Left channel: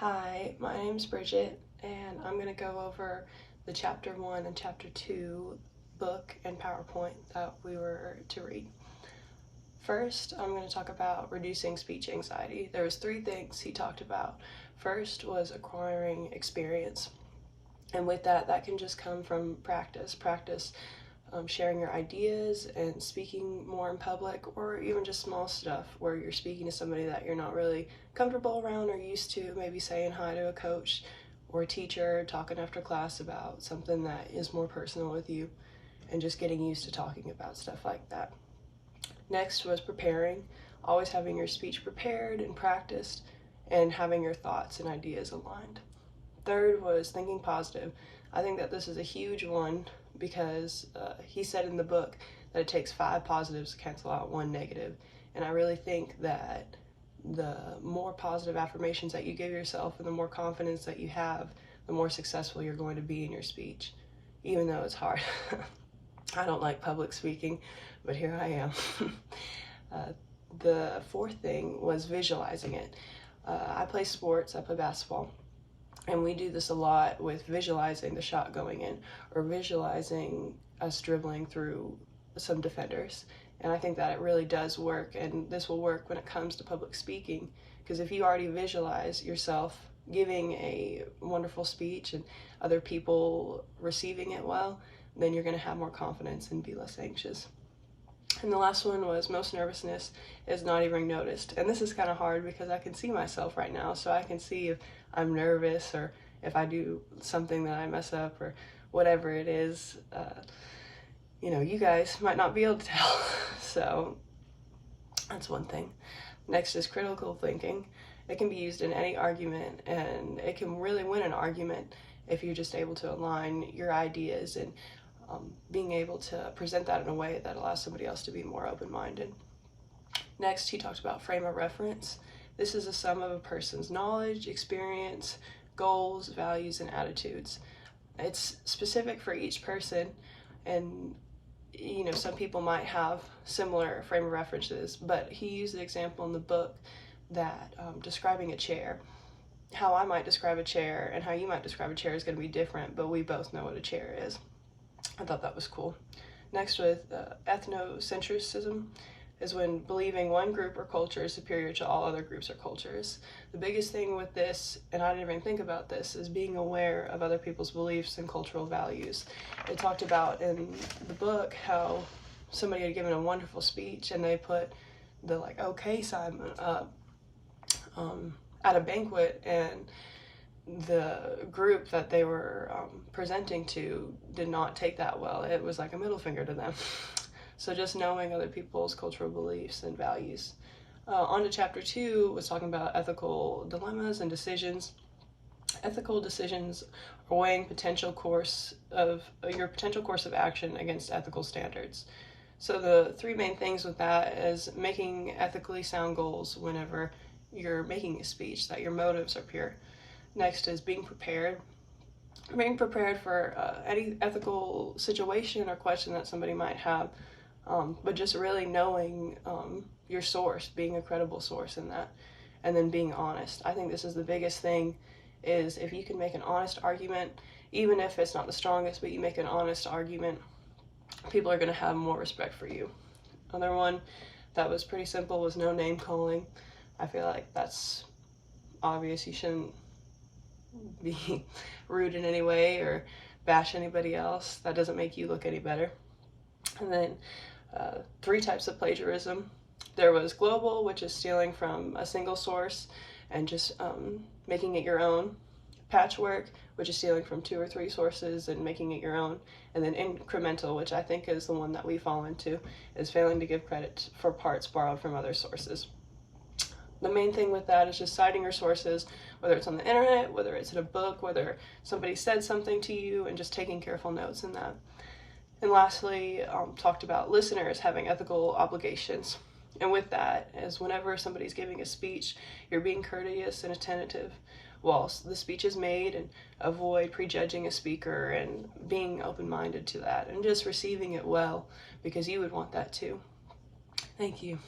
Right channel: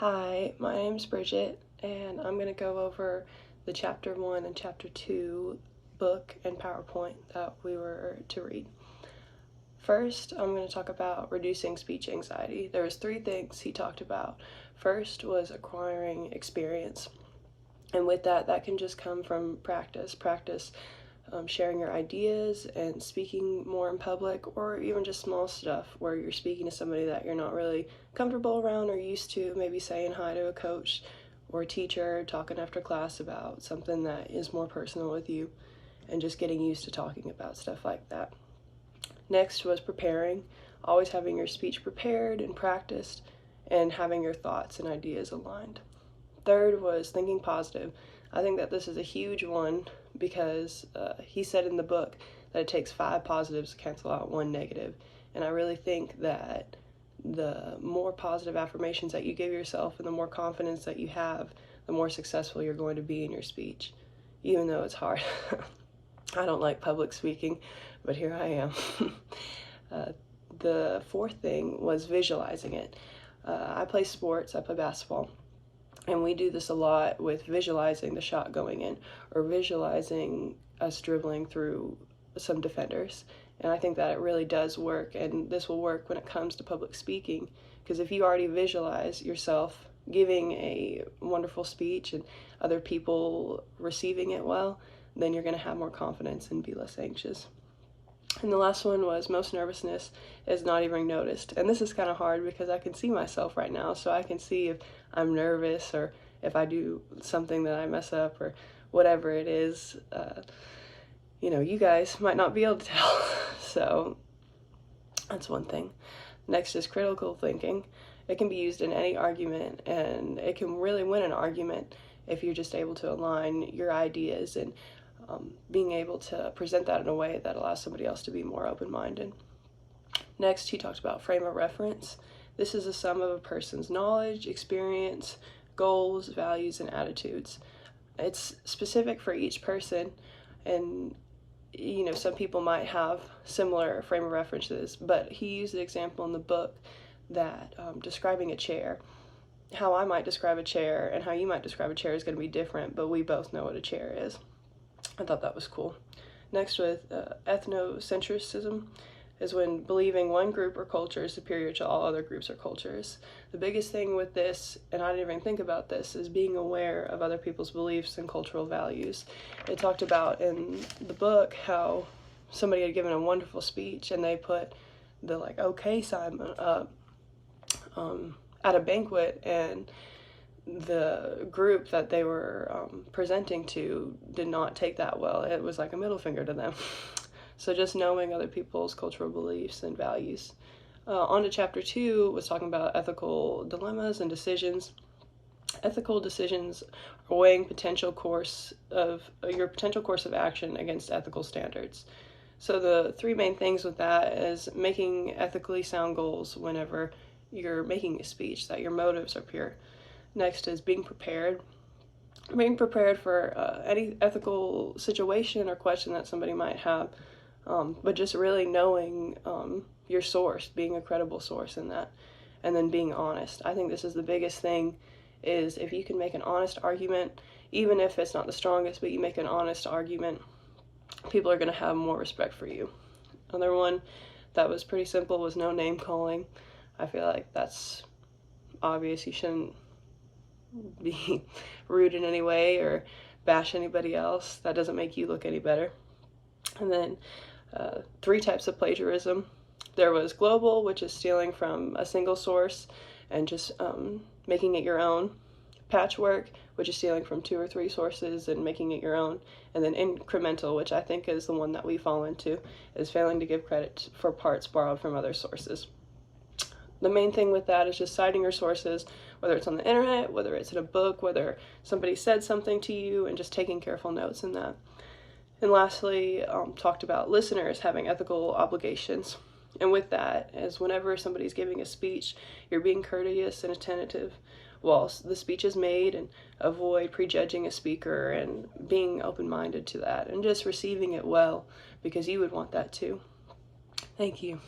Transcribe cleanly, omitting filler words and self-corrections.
Hi, my name's Bridget, and I'm going to go over the Chapter 1 and Chapter 2 book and PowerPoint that we were to read. First, I'm going to talk about reducing speech anxiety. There was 3 things he talked about. First was acquiring experience, and with that can just come from practice. Sharing your ideas and speaking more in public, or even just small stuff where you're speaking to somebody that you're not really comfortable around or used to, maybe saying hi to a coach or a teacher, talking after class about something that is more personal with you, and just getting used to talking about stuff like that. Next was preparing, always having your speech prepared and practiced, and having your thoughts and ideas aligned. Third was thinking positive. I think that this is a huge one because he said in the book that it takes 5 positives to cancel out 1 negative. And I really think that the more positive affirmations that you give yourself and the more confidence that you have, the more successful you're going to be in your speech, even though it's hard. I don't like public speaking, but here I am. The 4th thing was visualizing it. I play sports, I play basketball. And we do this a lot with visualizing the shot going in or visualizing us dribbling through some defenders. And I think that it really does work, and this will work when it comes to public speaking, because if you already visualize yourself giving a wonderful speech and other people receiving it well, then you're going to have more confidence and be less anxious. And the last one was most nervousness is not even noticed. And this is kind of hard because I can see myself right now, so I can see if I'm nervous or if I do something that I mess up or whatever it is. You guys might not be able to tell. So that's one thing. Next is critical thinking. It can be used in any argument, and it can really win an argument if you're just able to align your ideas and being able to present that in a way that allows somebody else to be more open-minded. Next, he talked about frame of reference. This is a sum of a person's knowledge, experience, goals, values, and attitudes. It's specific for each person, and some people might have similar frame of references, but he used an example in the book that describing a chair. How I might describe a chair and how you might describe a chair is going to be different, but we both know what a chair is. I thought that was cool. Next, with ethnocentrism, is when believing one group or culture is superior to all other groups or cultures. The biggest thing with this, and I didn't even think about this, is being aware of other people's beliefs and cultural values. It talked about in the book how somebody had given a wonderful speech and they put the okay sign up at a banquet, and the group that they were presenting to did not take that well. It was like a middle finger to them. So just knowing other people's cultural beliefs and values. On to Chapter 2 was talking about ethical dilemmas and decisions. Ethical decisions are weighing your potential course of action against ethical standards. So the 3 main things with that is making ethically sound goals whenever you're making a speech, that your motives are pure. Next is being prepared. Being prepared for any ethical situation or question that somebody might have, but just really knowing your source, being a credible source in that, and then being honest. I think this is the biggest thing, is if you can make an honest argument, even if it's not the strongest, but you make an honest argument, people are going to have more respect for you. Another one that was pretty simple was no name calling. I feel like that's obvious. You shouldn't be rude in any way or bash anybody else. That doesn't make you look any better. And then 3 types of plagiarism. There was global, which is stealing from a single source and just making it your own. Patchwork, which is stealing from 2 or 3 sources and making it your own. And then incremental, which I think is the one that we fall into, is failing to give credit for parts borrowed from other sources. The main thing with that is just citing your sources, whether it's on the internet, whether it's in a book, whether somebody said something to you, and just taking careful notes in that. And lastly, talked about listeners having ethical obligations. And with that is whenever somebody's giving a speech, you're being courteous and attentive whilst the speech is made, and avoid prejudging a speaker and being open-minded to that and just receiving it well, because you would want that too. Thank you.